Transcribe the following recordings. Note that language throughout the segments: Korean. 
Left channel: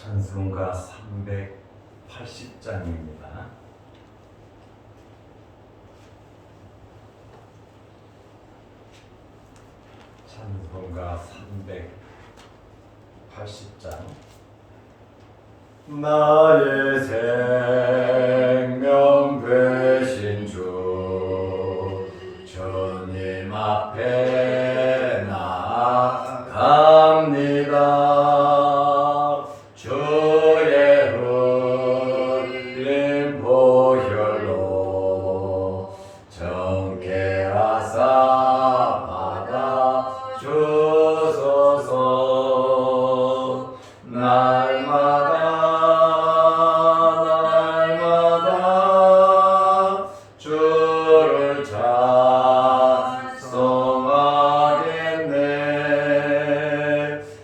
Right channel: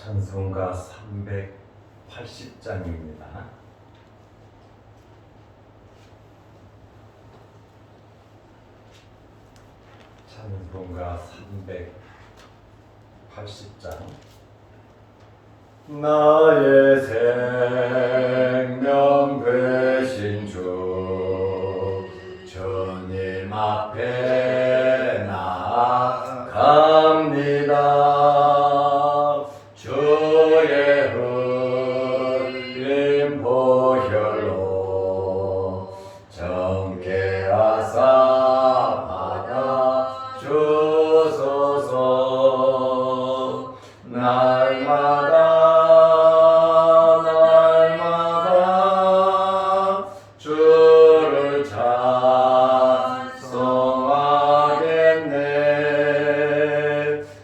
찬송가 380장입니다. 찬송가 380장. 나의 생명 되신 주 주님 앞에 나아갑니다. 주의 흘린 보혈로 정케 하사 받아 주소서. 날마다 주를 찬송하겠네.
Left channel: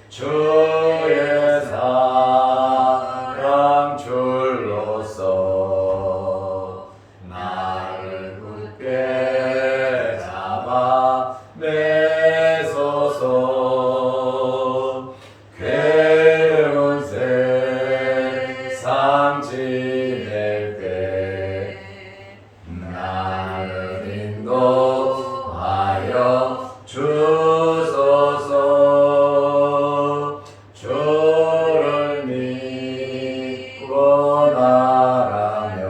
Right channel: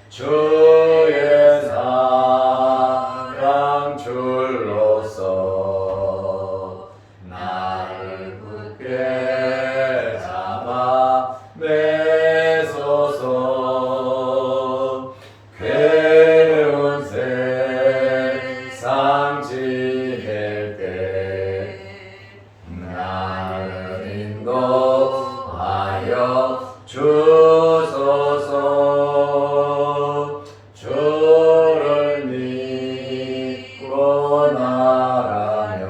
주의 사랑 줄로서 나를 굳게 잡아 매소서. 괴로운 세상 지낼 때 나를 인도하여 주소서. 주를 믿고 나라면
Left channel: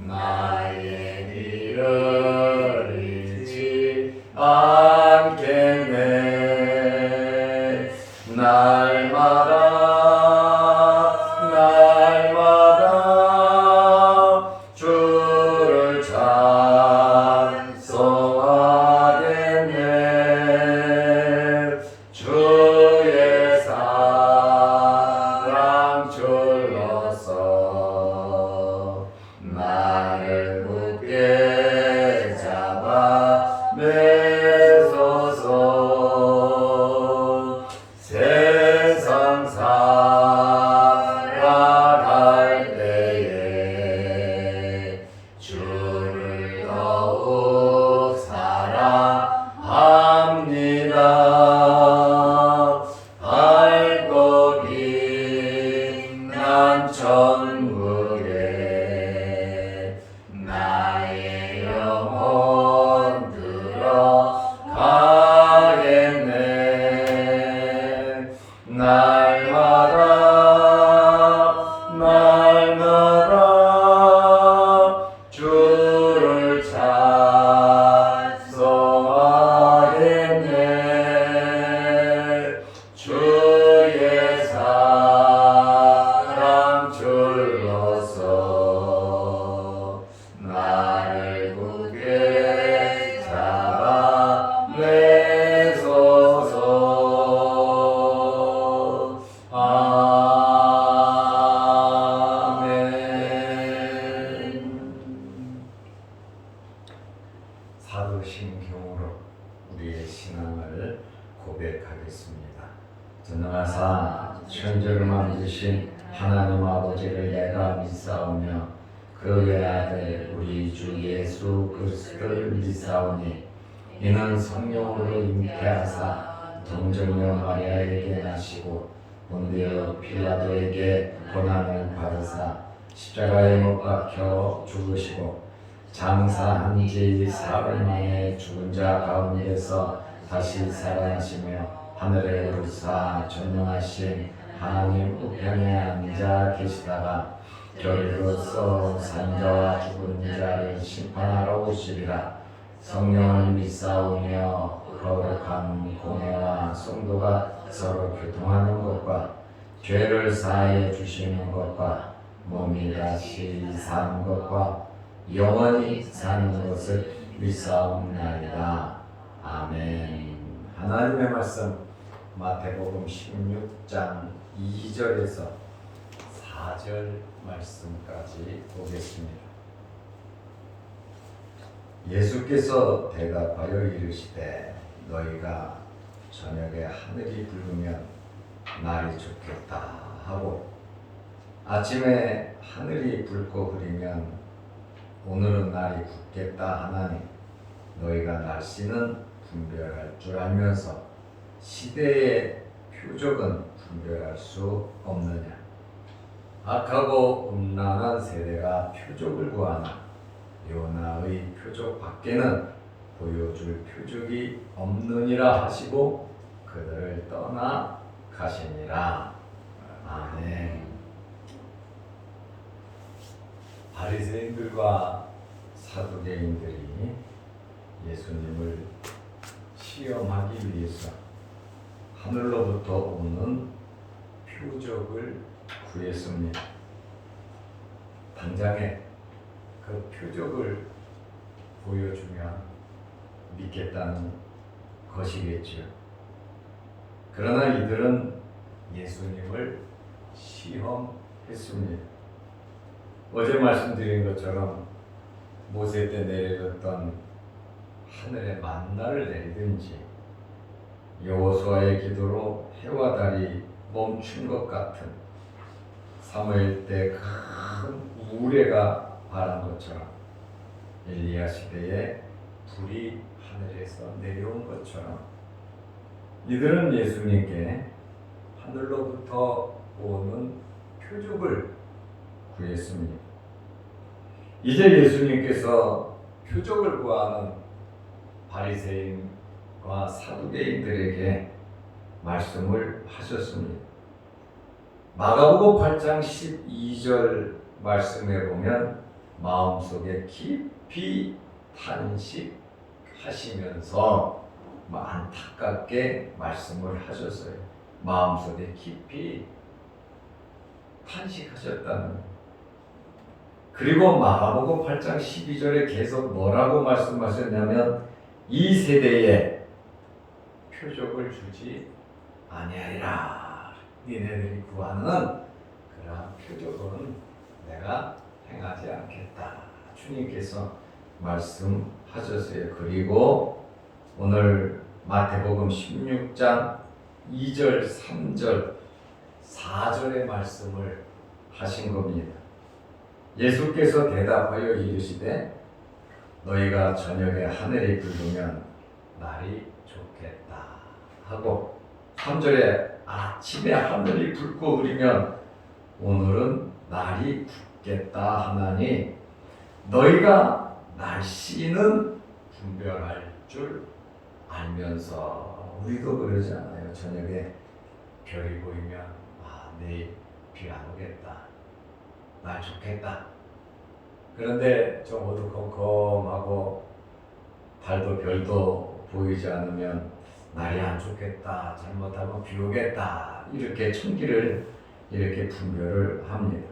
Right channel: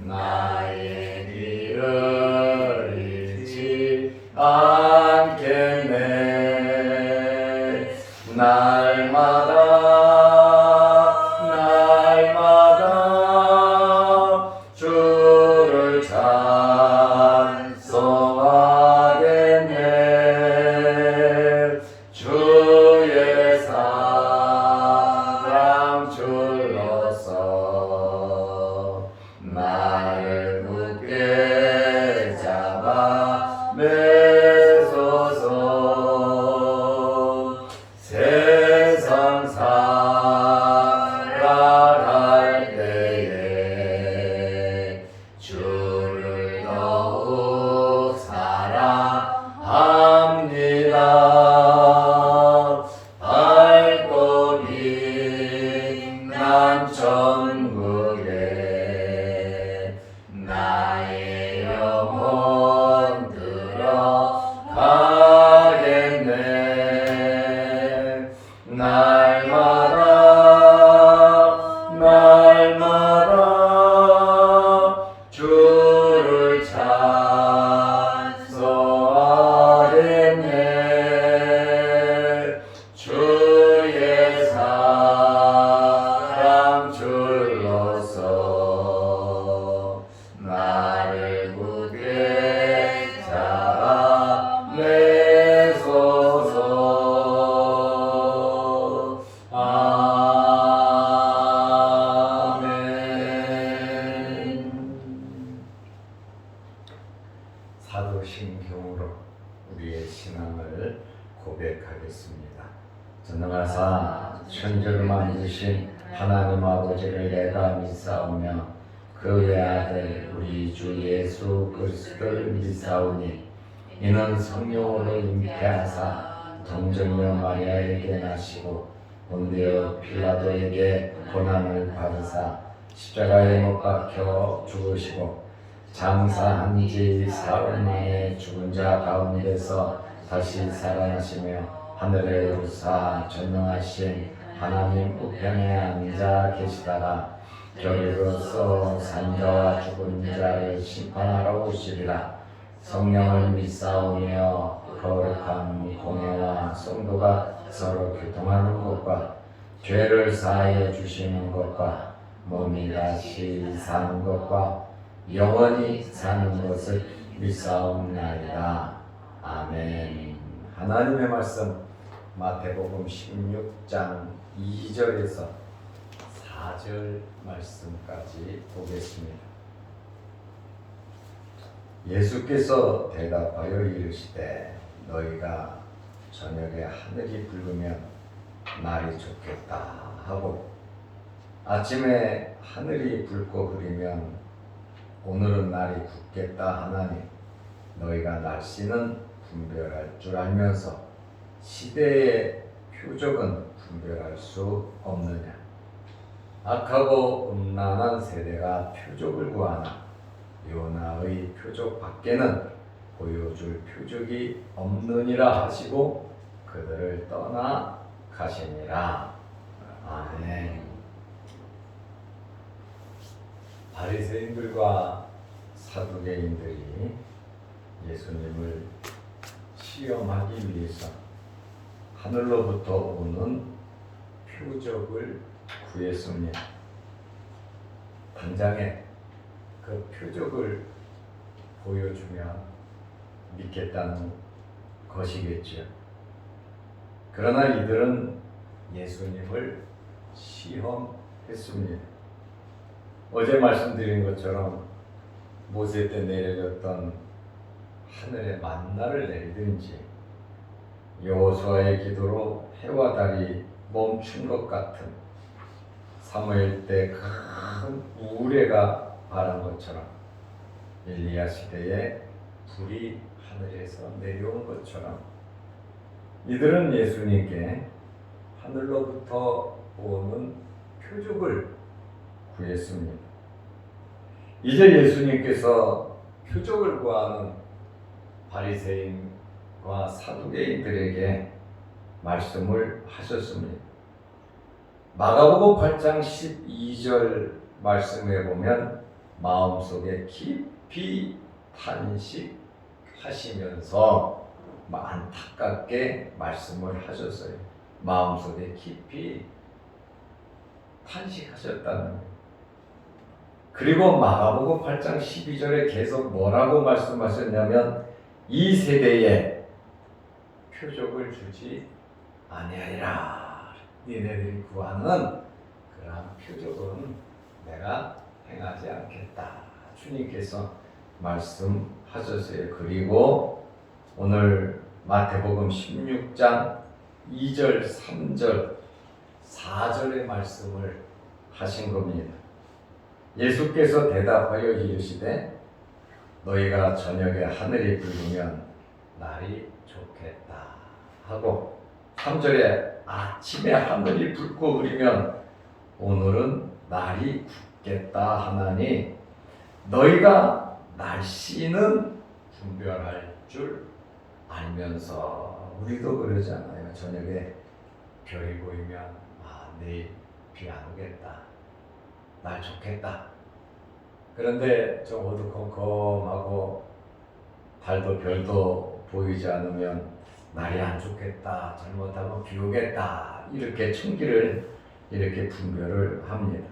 나의 길을 잃지 않겠네. 날마다 주를 찬송하겠네. 주의 사랑 줄로서 나를 굳게 잡아 매소서. 세상 살아갈 때에 주를 더욱 사랑합니다. 밝고 빛난 천국에 나의 영혼 들어가겠네. 날마다 주를 찬송하겠네. 주의 사랑 줄로서 나를 굳게 잡아 매소서. 아멘. 사도신경으로 우리의 신앙을 고백하겠습니다. 전능하사 천지를 만드신 하나님 아버지를 내가 믿사오며 그 외아들 우리 주 예수 그리스도를 믿사오니 이는 성령으로 잉태하사 동정녀 마리아에게 나시고 본디오 필라도에게 고난을 받으사 십자가에 못 박혀 죽으시고 장사한 지 사흘 만에 죽은 자 가운데서 다시 살아나시며 하늘에 오르사 전능하신 하나님 우편에 앉아 계시다가 결으로서 산자와 죽은 자를 심판하러 오시리라. 성령을 믿사오며 거룩한 공예와 성도가 서로 교통하는 것과 죄를 사하여 주시는 것과 몸이 다시 사는 것과 영원히 사는 것을 믿사옵나이다. 아멘. 하나님의 말씀 마태복음 16장 2절에서 4절 말씀까지 보겠습니다. 예수께서 대답하여 이르시되 너희가 저녁에 하늘이 붉으면 날이 좋겠다 하고 아침에 하늘이 붉고 흐리면 오늘은 날이 굳겠다 하나니 너희가 날씨는 분별할 줄 알면서 시대의 표적은 분별할 수 없느냐? 악하고 음란한 세대가 표적을 구하나 요나의 표적 밖에는 보여줄 표적이 없느니라 하시고 그들을 떠나 가시니라. 아멘. 바리새인들과 사두개인들이 예수님을 시험하기 위해서 하늘로부터 오는 표적을 구했습니다. 당장에 그 표적을 보여주면 믿겠다는 것이겠지요. 그러나 이들은 예수님을 시험했습니다. 어제 말씀드린 것처럼 모세 때 내려졌던 하늘의 만나를 내리든지 여호수아의 기도로 해와 달이 멈춘 것 같은 사무엘 때 큰 우레가 바란 것처럼 엘리야 시대에 불이 하늘에서 내려온 것처럼 이들은 예수님께 하늘로부터 오는 표적을 구했습니다. 이제 예수님께서 표적을 구하는 바리새인과 사두개인들에게 말씀을 하셨습니다. 마가복음 8장 12절 말씀에 보면 마음속에 깊이 탄식하시면서 안타깝게 말씀을 하셨어요. 마음속에 깊이 탄식하셨다는 거예요. 그리고 마가복음 8장 12절에 계속 뭐라고 말씀하셨냐면 이 세대에 표적을 주지 아니하리라. 니네들이 구하는 그러한 표적은 내가 행하지 않겠다. 주님께서 말씀하셨어요. 그리고 오늘 마태복음 16장 2절, 3절, 4절의 말씀을 하신 겁니다. 예수께서 대답하여 이르시되 너희가 저녁에 하늘이 붉으면 날이 좋겠다 하고 3절에 아침에 하늘이 붉고 흐리면 오늘은 날이 굳겠다 하나니 너희가 날씨는 분별할 줄 알면서 우리도 그러잖아요. 저녁에 별이 보이면 내일 비 안 오겠다. 날 좋겠다. 그런데 좀 어두컴컴하고 달도 별도 보이지 않으면 날이 안 좋겠다. 잘못하면 비 오겠다. 이렇게 천기를 이렇게 분별을 합니다.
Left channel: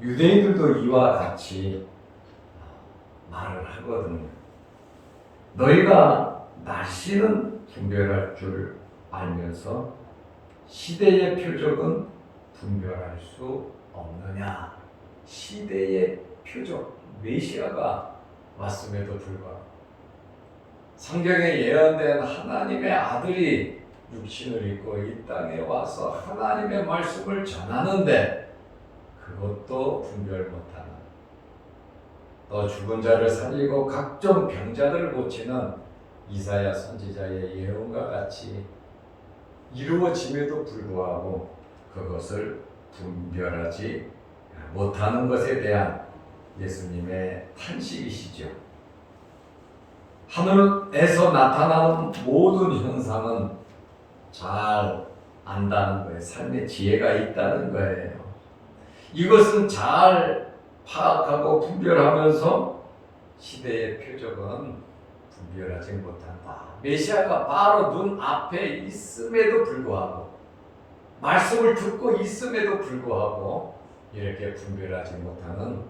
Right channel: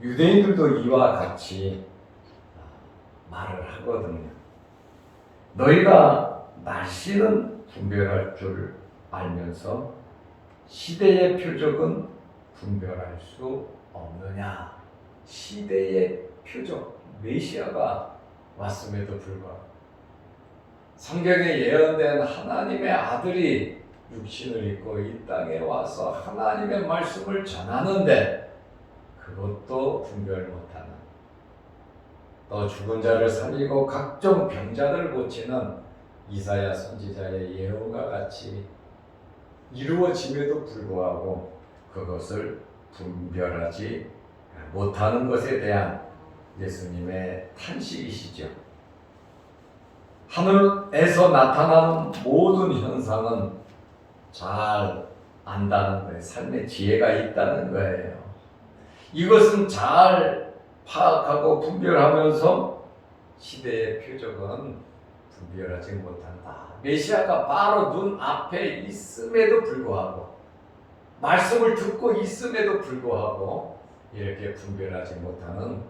유대인들도 이와 같이 말을 하거든요. 너희가 날씨는 분별할 줄 알면서 시대의 표적은 분별할 수 없느냐. 시대의 표적, 메시아가 왔음에도 불구하고 성경에 예언된 하나님의 아들이 육신을 입고 이 땅에 와서 하나님의 말씀을 전하는데 그것도 분별 못하는, 또 죽은 자를 살리고 각종 병자들을 고치는 이사야 선지자의 예언과 같이 이루어짐에도 불구하고 그것을 분별하지 못하는 것에 대한 예수님의 탄식이시죠. 하늘에서 나타나는 모든 현상은 잘 안다는 거예요. 삶의 지혜가 있다는 거예요. 이것은 잘 파악하고 분별하면서 시대의 표적은 분별하지 못한다. 메시아가 바로 눈앞에 있음에도 불구하고 말씀을 듣고 있음에도 불구하고 이렇게 분별하지 못하는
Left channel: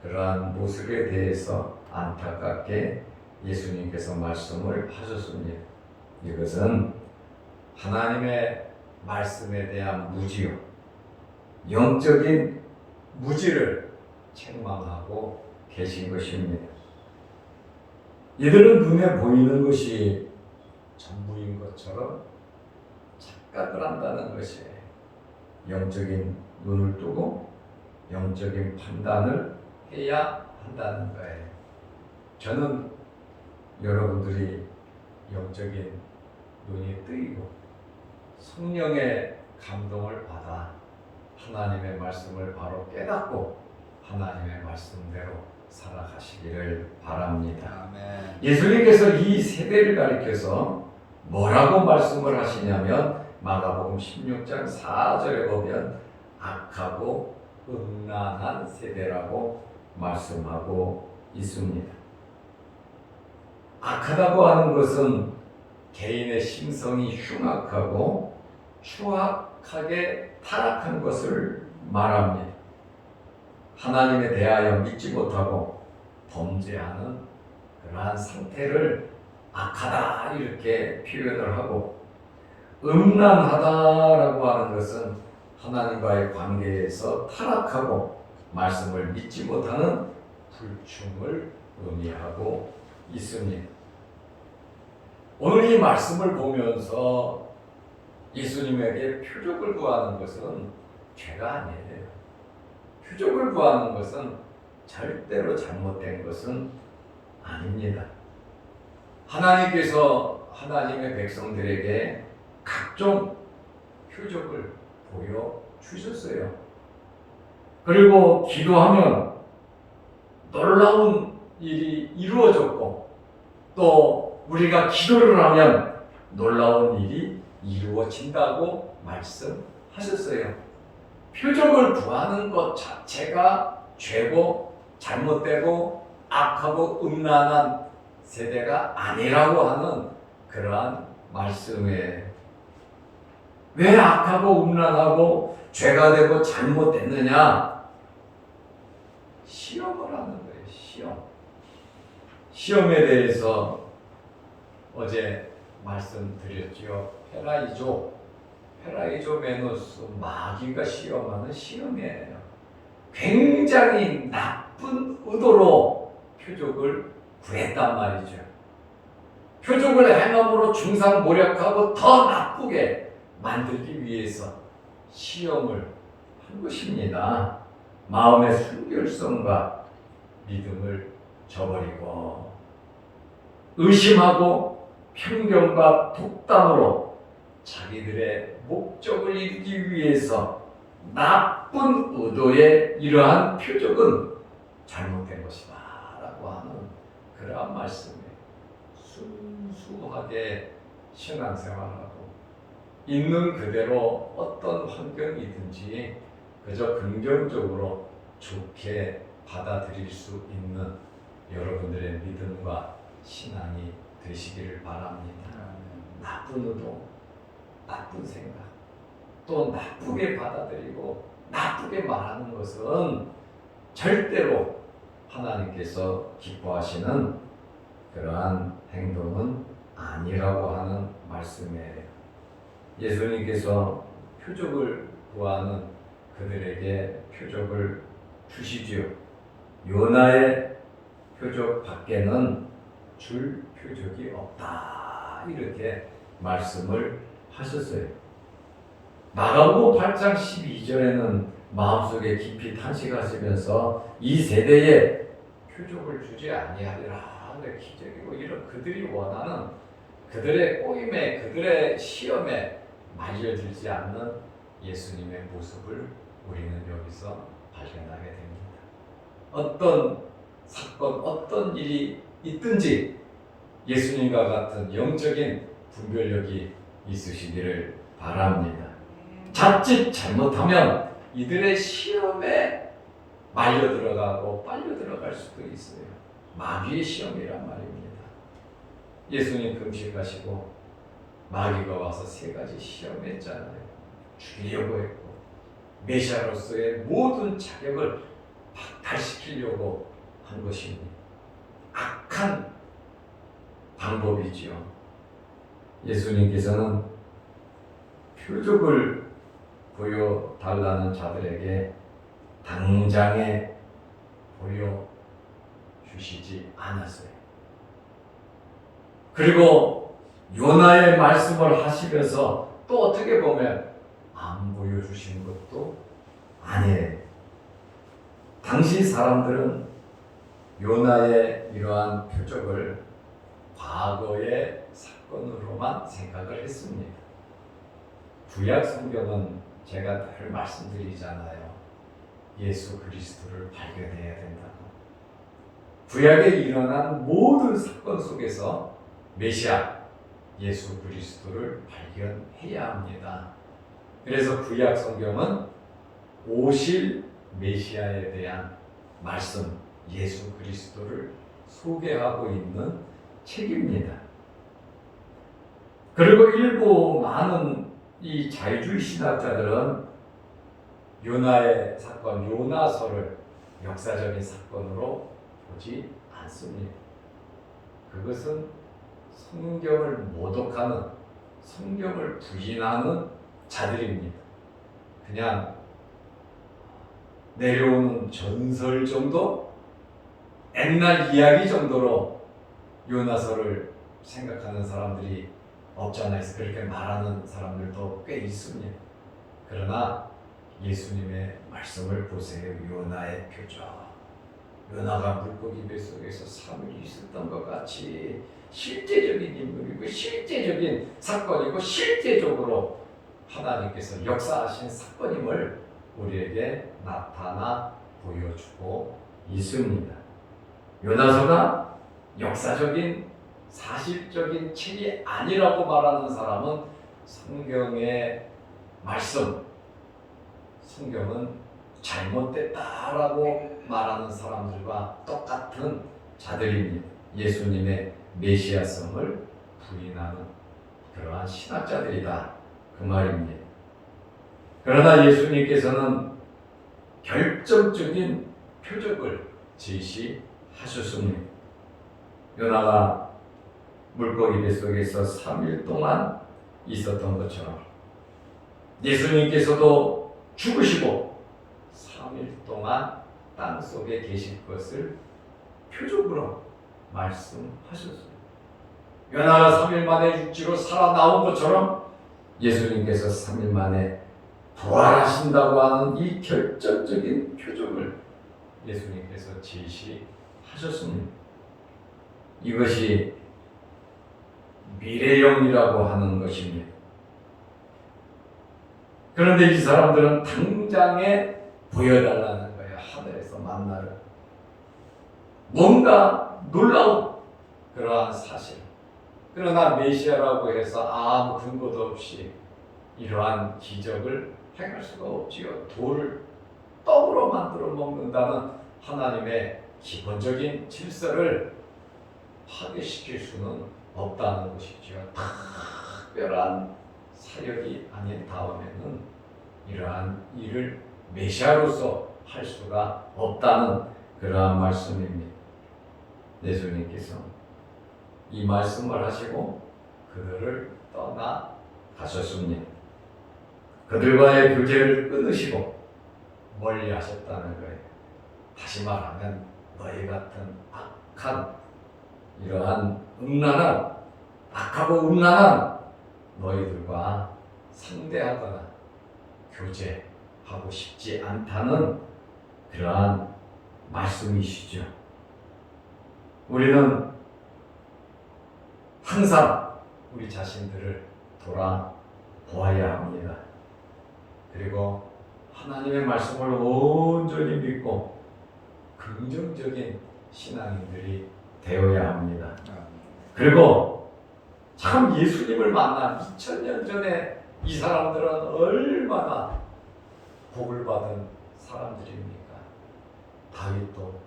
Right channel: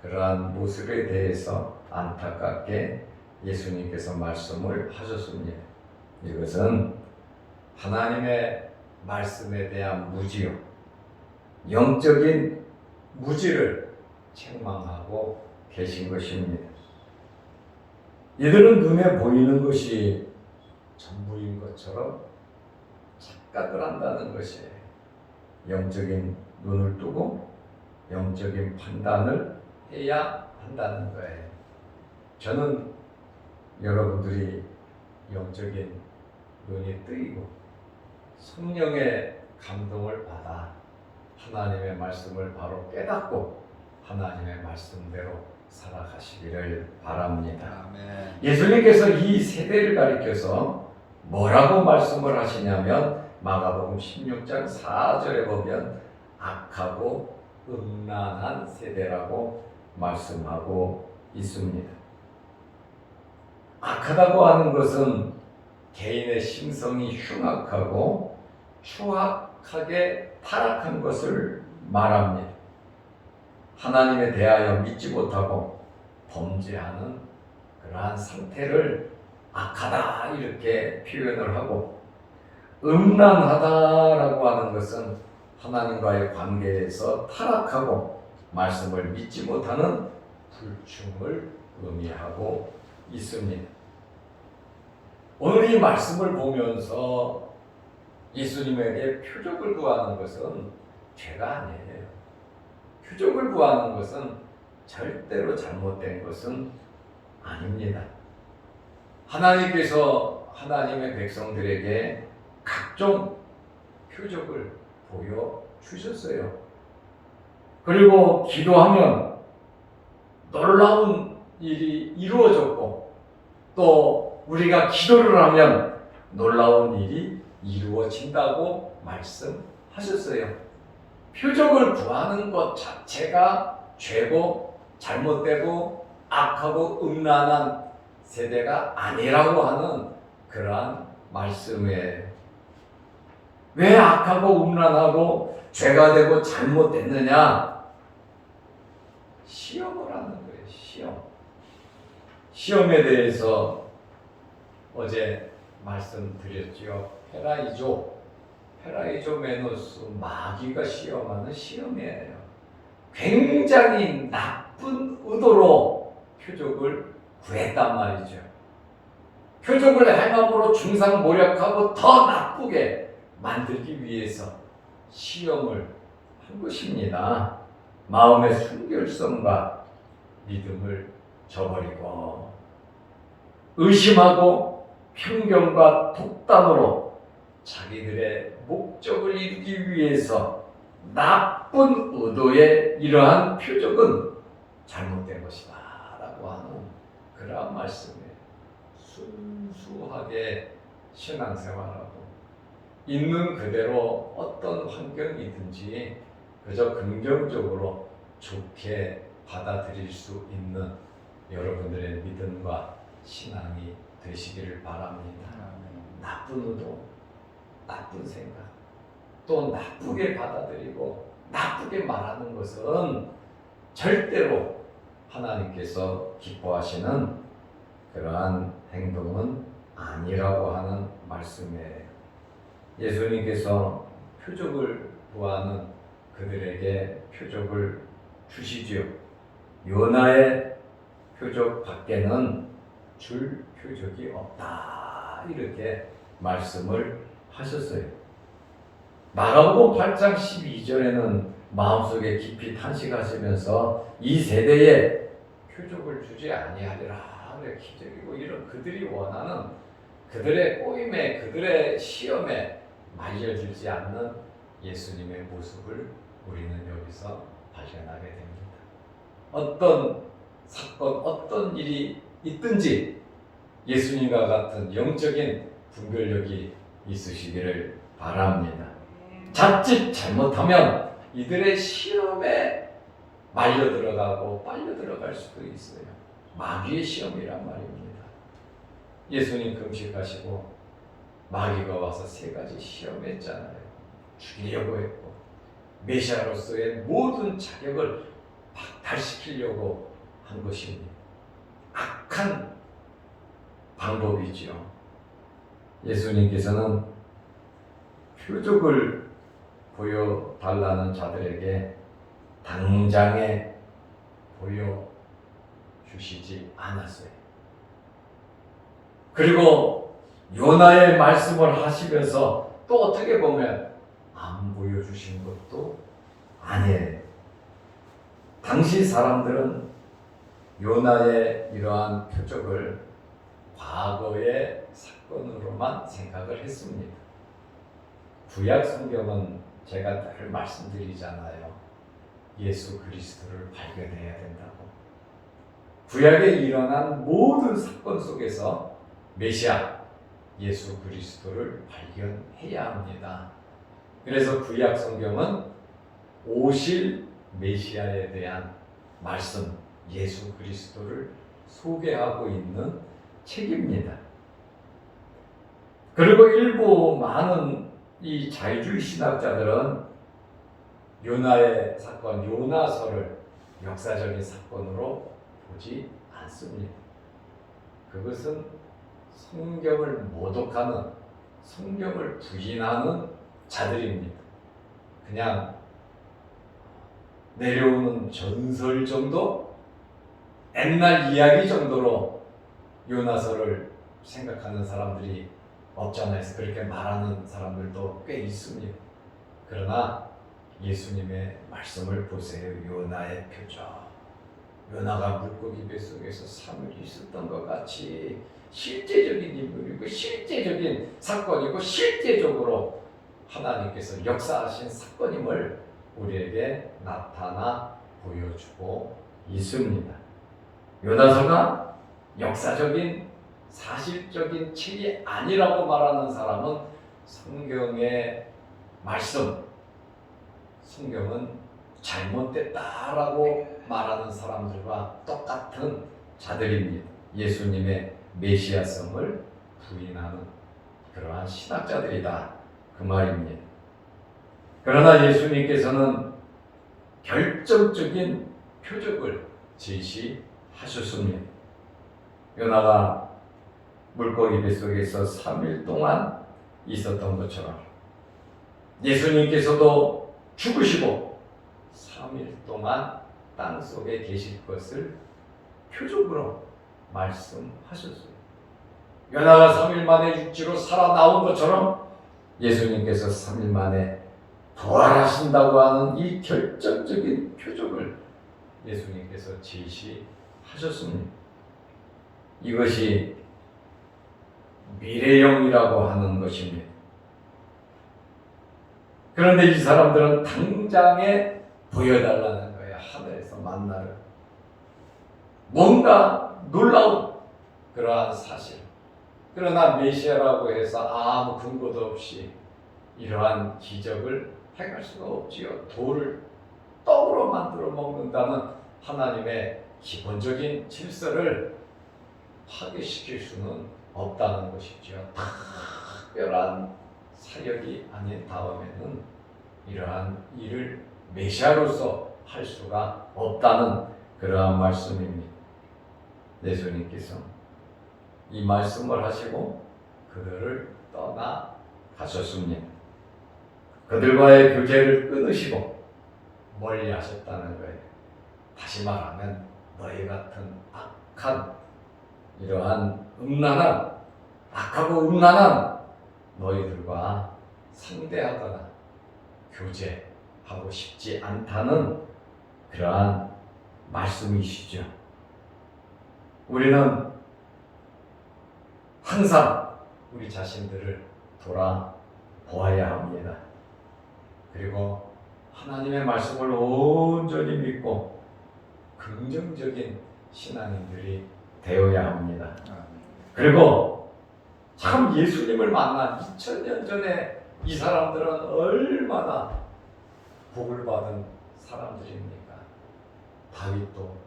그러한 모습에 대해서 안타깝게 예수님께서 말씀을 하셨습니다. 이것은 하나님의 말씀에 대한 무지요, 영적인 무지를 책망하고 계신 것입니다. 이들은 눈에 보이는 것이 전부인 것처럼 착각을 한다는 것이에요. 영적인 눈을 뜨고 영적인 판단을 해야 한다는 거예요. 저는 여러분들이 영적인 눈이 뜨이고 성령의 감동을 받아 하나님의 말씀을 바로 깨닫고 하나님의 말씀대로 살아가시기를 바랍니다. 아멘. 예수님께서 이 세대를 가리켜서 뭐라고 말씀을 하시냐면 마가복음 16장 4절에 보면 악하고 음란한 세대라고 말씀하고 있습니다. 악하다고 하는 것은 개인의 심성이 흉악하고 추악하게 타락한 것을 말합니다. 하나님에 대하여 믿지 못하고 범죄하는 그러한 상태를 악하다 이렇게 표현을 하고, 음란하다라고 하는 것은 하나님과의 관계에서 타락하고 말씀을 믿지 못하는 불충을 의미하고 있습니다. 오늘 이 말씀을 보면서 예수님에게 표적을 구하는 것은 죄가 아니에요. 표적을 구하는 것은 절대로 잘못된 것은 아닙니다. 하나님께서 하나님의 백성들에게 각종 표적을 보여주셨어요. 그리고 기도하면 놀라운 일이 이루어졌고, 또 우리가 기도를 하면 놀라운 일이 이루어진다고 말씀하셨어요. 표적을 구하는 것 자체가 죄고 잘못되고 악하고 음란한 세대가 아니라고 하는 그러한 말씀이에요. 왜 악하고 음란하고 죄가 되고 잘못됐느냐? 시험을 하는 거예요. 시험에 대해서 어제 말씀드렸죠. 페라이조메노스, 마귀가 시험하는 시험이에요. 굉장히 나쁜 의도로 표적을 구했단 말이죠. 표적을 행함으로 중상모략하고 더 나쁘게 만들기 위해서 시험을 한 것입니다. 마음의 순결성과 믿음을 저버리고 의심하고 편견과 독단으로 자기들의 목적을 이루기 위해서 나쁜 의도의 이러한 표적은 잘못된 것이다 라고 하는 그러한 말씀에 순수하게 신앙생활하고 있는 그대로 어떤 환경이든지 그저 긍정적으로 좋게 받아들일 수 있는 여러분들의 믿음과 신앙이 되시기를 바랍니다. 나쁜 의도, 나쁜 생각, 또 나쁘게 받아들이고 나쁘게 말하는 것은 절대로 하나님께서 기뻐하시는 그러한 행동은 아니라고 하는 말씀이에요. 예수님께서 표적을 구하는 그들에게 표적을 주시지요. 요나의 표적 밖에는 줄 표적이 없다 이렇게 말씀을 하셨어요. 마가복음 8장 12절에는 마음속에 깊이 탄식하시면서 이 세대에 표적을 주지 아니하리라. 기적이고 이런 그들이 원하는 그들의 꼬임에 그들의 시험에 말려들지 않는 예수님의 모습을 우리는 여기서 발견하게 됩니다. 어떤 사건, 어떤 일이 있든지 예수님과 같은 영적인 분별력이 있으시기를 바랍니다. 자칫 잘못하면 이들의 시험에 말려 들어가고 빨려 들어갈 수도 있어요. 마귀의 시험이란 말입니다. 예수님 금식하시고 마귀가 와서 3가지 시험했잖아요. 죽이려고 했고 메시아로서의 모든 자격을 박탈시키려고 한 것입니다. 악한 방법이지요. 예수님께서는 표적을 보여달라는 자들에게 당장에 보여주시지 않았어요. 그리고 요나의 말씀을 하시면서 또 어떻게 보면 안 보여주신 것도 아니에요. 당시 사람들은 요나의 이러한 표적을 과거의 사건으로만 생각을 했습니다. 구약 성경은 제가 늘 말씀드리잖아요. 예수 그리스도를 발견해야 된다고. 구약에 일어난 모든 사건 속에서 메시아 예수 그리스도를 발견해야 합니다. 그래서 구약 성경은 오실 메시아에 대한 말씀 예수 그리스도를 소개하고 있는 책입니다. 그리고 일부 많은 이 자유주의 신학자들은 요나의 사건, 요나서를 역사적인 사건으로 보지 않습니다. 그것은 성경을 모독하는, 성경을 부인하는 자들입니다. 그냥 내려오는 전설 정도, 옛날 이야기 정도로 요나서를 생각하는 사람들이 없잖아요. 그렇게 말하는 사람들도 꽤 있습니다. 그러나 예수님의 말씀을 보세요. 요나의 표적. 요나가 물고기 뱃속에서 3일 있었던 것 같이 실제적인 인물이고 실제적인 사건이고 실제적으로 하나님께서 역사하신 사건임을 우리에게 나타나 보여주고 있습니다. 요나서가 역사적인 사실적인 책이 아니라고 말하는 사람은 성경의 말씀, 성경은 잘못됐다라고 말하는 사람들과 똑같은 자들입니다. 예수님의 메시아성을 부인하는 그러한 신학자들이다 그 말입니다. 그러나 예수님께서는 결정적인 표적을 제시하셨습니다. 요나가 물고기 뱃속에서 3일 동안 있었던 것처럼 예수님께서도 죽으시고 3일 동안 땅속에 계실 것을 표적으로 말씀하셨어요. 요나가 3일 만에 육지로 살아나온 것처럼 예수님께서 3일 만에 부활하신다고 하는 이 결정적인 표적을 예수님께서 제시하셨습니다. 이것이 미래형이라고 하는 것입니다. 그런데 이 사람들은 당장에 보여달라는 거야. 하늘에서 만나를. 뭔가 놀라운 그러한 사실. 그러나 메시아라고 해서 아무 근거도 없이 이러한 기적을 행할 수가 없지요. 돌을 떡으로 만들어 먹는다는 하나님의 기본적인 질서를 파괴시킬 수는 없다는 것이죠. 특별한 사역이 아닌 다음에는 이러한 일을 메시아로서 할 수가 없다는 그러한 말씀입니다. 예수님께서 이 말씀을 하시고 그들을 떠나 가셨습니다. 그들과의 교제를 끊으시고 멀리 하셨다는 거예요. 다시 말하면 너희 같은 악한 이러한 음란한 악하고 음란한 너희들과 상대하거나 교제하고 싶지 않다는 그러한 말씀이시죠. 우리는 항상 우리 자신들을 돌아보아야 합니다. 그리고 하나님의 말씀을 온전히 믿고 긍정적인 신앙인들이 되어야 합니다. 그리고 참 예수님을 만난 2000년 전에 이 사람들은 얼마나 복을 받은 사람들입니까? 다윗도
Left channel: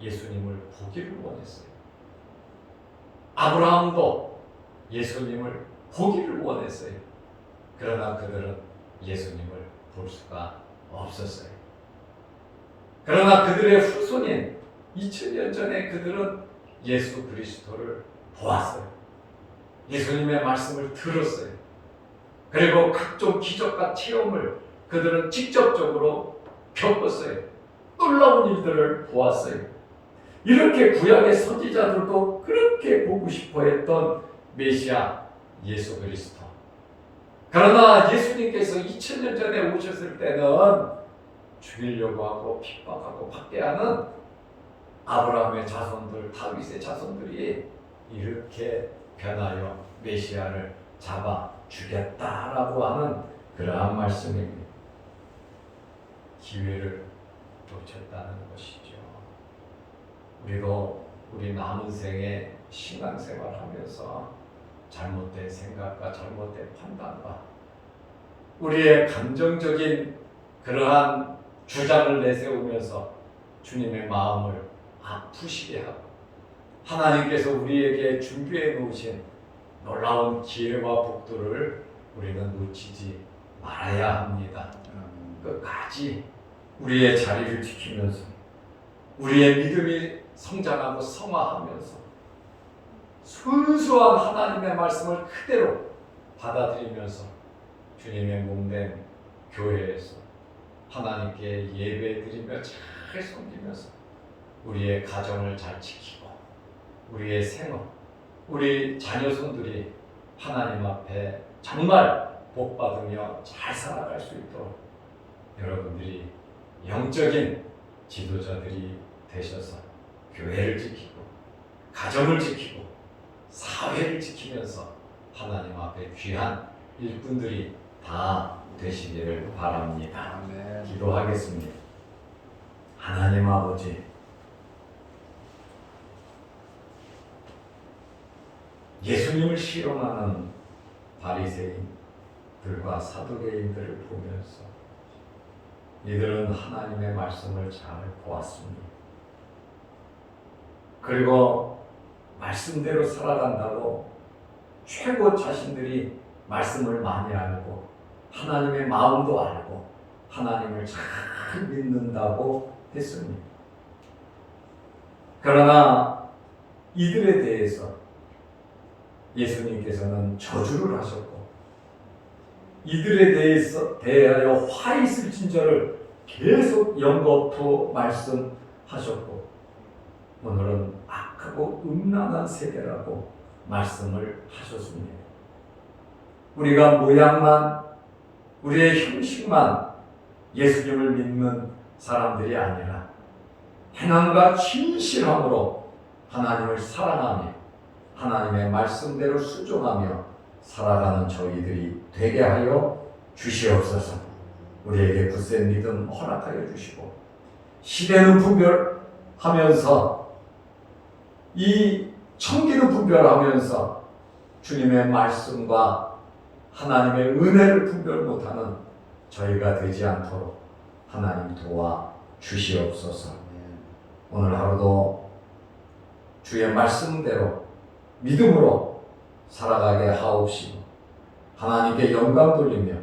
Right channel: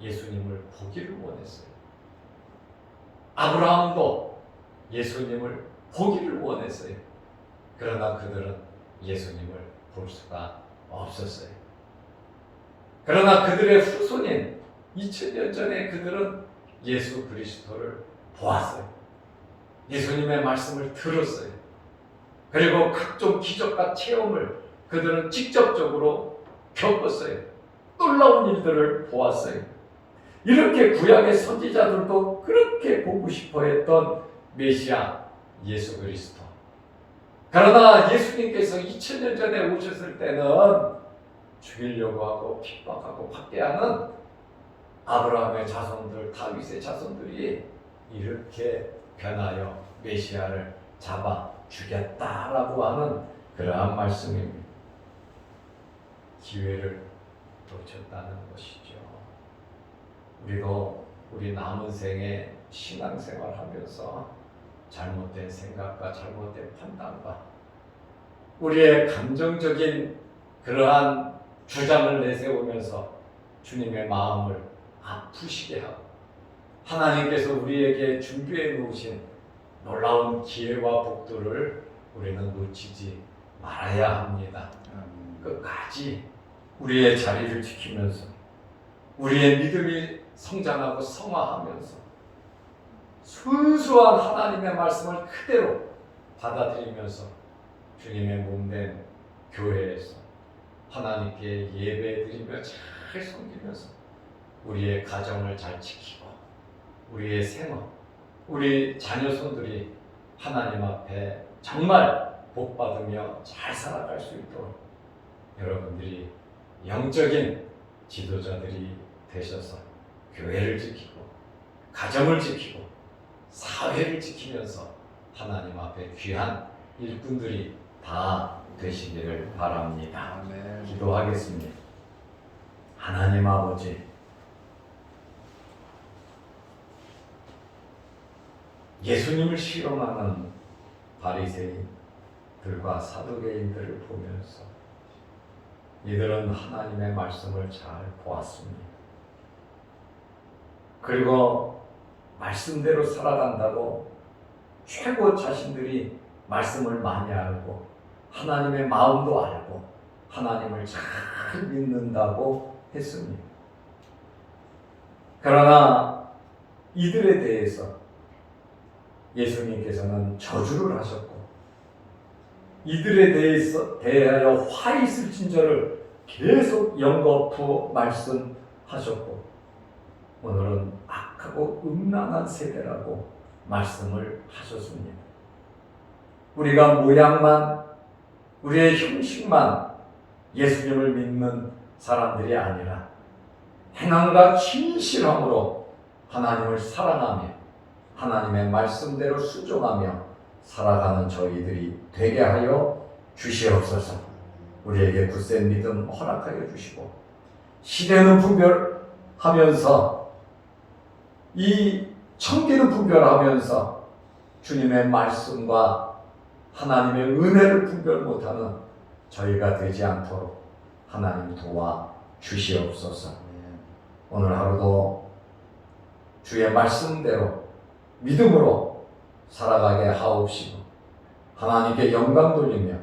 예수님을 보기를 원했어요. 아브라함도 예수님을 보기를 원했어요. 그러나 그들은 예수님을 볼 수가 없었어요. 그러나 그들의 후손인 2000년 전에 그들은 예수 그리스도를 보았어요. 예수님의 말씀을 들었어요. 그리고 각종 기적과 체험을 그들은 직접적으로 겪었어요. 놀라운 일들을 보았어요. 이렇게 구약의 선지자들도 그렇게 보고 싶어 했던 메시아 예수 그리스도. 그러나 예수님께서 2000년 전에 오셨을 때는 죽이려고 하고 핍박하고 박해하는 아브라함의 자손들, 다윗의 자손들이 이렇게 변하여 메시아를 잡아 죽였다라고 하는 그러한 말씀입니다. 기회를 놓쳤다는 것이죠. 우리도 우리 남은 생에 신앙생활하면서 잘못된 생각과 잘못된 판단과 우리의 감정적인 그러한 주장을 내세우면서 주님의 마음을 아프시게 하고 하나님께서 우리에게 준비해 놓으신 놀라운 기회와 복들을 우리는 놓치지 말아야 합니다. 끝까지 우리의 자리를 지키면서 우리의 믿음이 성장하고 성화하면서 순수한 하나님의 말씀을 그대로 받아들이면서 주님의 몸된 교회에서 하나님께 예배드리며 잘 섬기면서 우리의 가정을 잘 지키고 우리의 생활, 우리 자녀손들이 하나님 앞에 정말 복받으며 잘 살아갈 수 있도록 여러분들이 영적인 지도자들이 되셔서 교회를 지키고 가정을 지키고 사회를 지키면서 하나님 앞에 귀한 일꾼들이 다 되시기를 바랍니다. 아멘. 기도하겠습니다. 하나님 아버지, 예수님을 실험하는 바리새인들과 사두개인들을 보면서 이들은 하나님의 말씀을 잘 보았습니다. 그리고 말씀대로 살아간다고 최고 자신들이 말씀을 많이 알고 하나님의 마음도 알고 하나님을 잘 믿는다고 했습니다. 그러나 이들에 대해서 예수님께서는 저주를 하셨고 이들에 대하여 화 있을 진저를 계속 연거푸 말씀하셨고 오늘은 악하고 음란한 세대라고 말씀을 하셨습니다. 우리가 모양만 우리의 형식만 예수님을 믿는 사람들이 아니라 행함과 진실함으로 하나님을 사랑하며 하나님의 말씀대로 순종하며 살아가는 저희들이 되게 하여 주시옵소서. 우리에게 굳센 믿음 허락하여 주시고 시대는 분별하면서 이 청기는 분별하면서 주님의 말씀과 하나님의 은혜를 분별 못하는 저희가 되지 않도록 하나님 도와 주시옵소서. 오늘 하루도 주의 말씀대로 믿음으로 살아가게 하옵시고 하나님께 영광 돌리며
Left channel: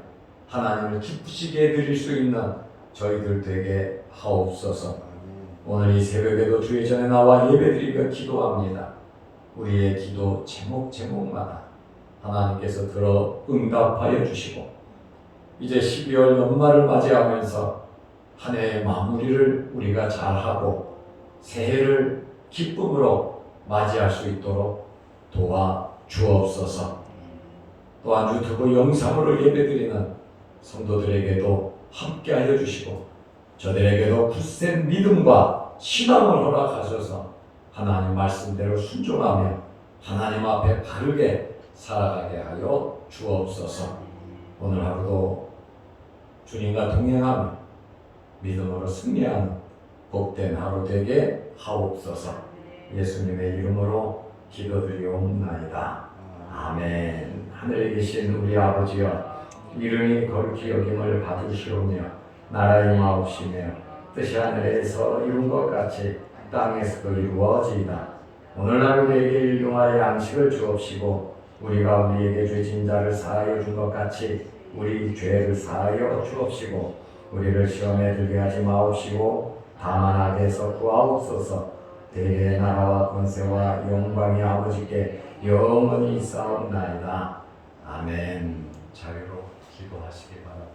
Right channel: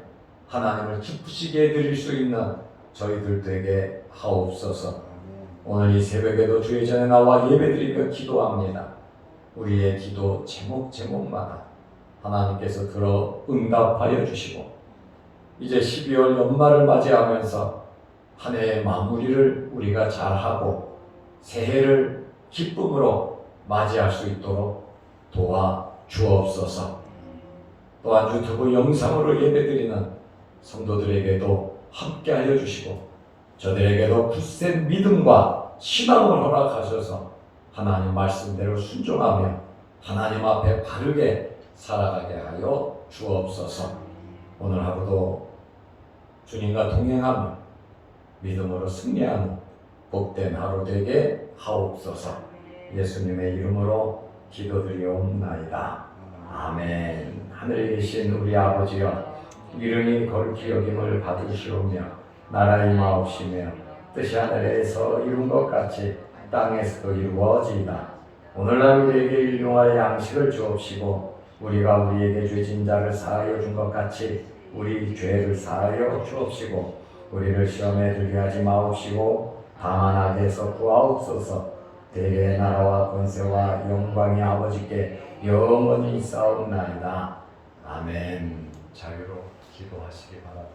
하나님을 기쁘시게 드릴 수 있는 저희들 되게 하옵소서. 오늘 이 새벽에도 주의 전에 나와 예배드리며 기도합니다. 우리의 기도 제목마다 하나님께서 들어 응답하여 주시고 이제 12월 연말을 맞이하면서 한 해의 마무리를 우리가 잘하고 새해를 기쁨으로 맞이할 수 있도록 도와 주옵소서. 또한 유튜브 영상으로 예배드리는 성도들에게도 함께하여 주시고 저들에게도 굳센 믿음과 신앙을 허락하셔서 하나님 말씀대로 순종하며 하나님 앞에 바르게 살아가게 하여 주옵소서. 오늘 하루도 주님과 동행하며 믿음으로 승리하는 복된 하루 되게 하옵소서. 예수님의 이름으로 기도드리옵나이다. 아멘. 하늘에 계신 우리 아버지여, 이름이 거룩히 여김을 받으시오며 나라 임하옵시며 뜻이 하늘에서 이룬 것 같이 땅에서도 이루어지이다. 오늘날 우리에게 일용할 양식을 주옵시고 우리가 우리에게 죄진 자를 사하여 준 것 같이 우리 죄를 사하여 주옵시고 우리를 시험에 들게 하지 마옵시고 다만 악에서 구하옵소서. 대개의 나라와 권세와 영광이 아버지께 영원히 있사옵나이다. 아멘. 자유로 기도하시기 바랍니다.